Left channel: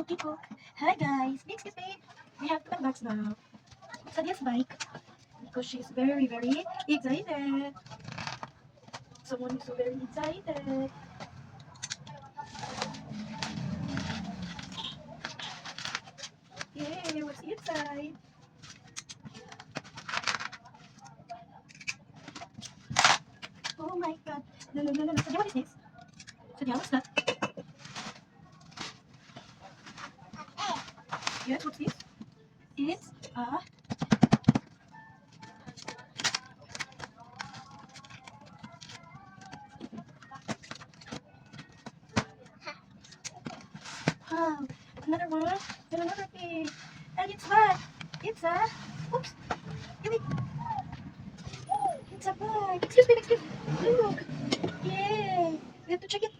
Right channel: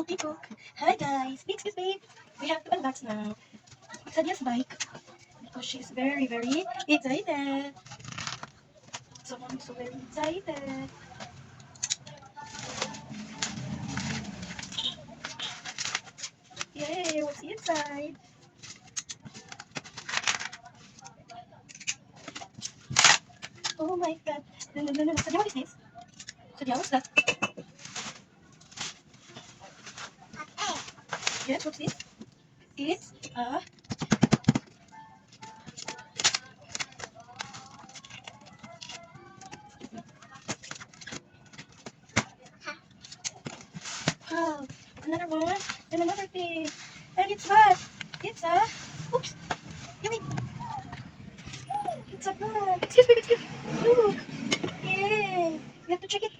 Okay, cook. Hi guys, excuse me. We have to unbox now. Sadia's bike because she's very, very excited. Someone is so very excited. Yay, what's inside? Oh my god. No, no, no, no, no. Sadia, what is this? Sadia, what's that? Yes, what's this? It's a wow, another one and another thing. And it's what? It's a oops. You mean it's a bag. Excuse me, excuse me. Look. Yay. We have to check it.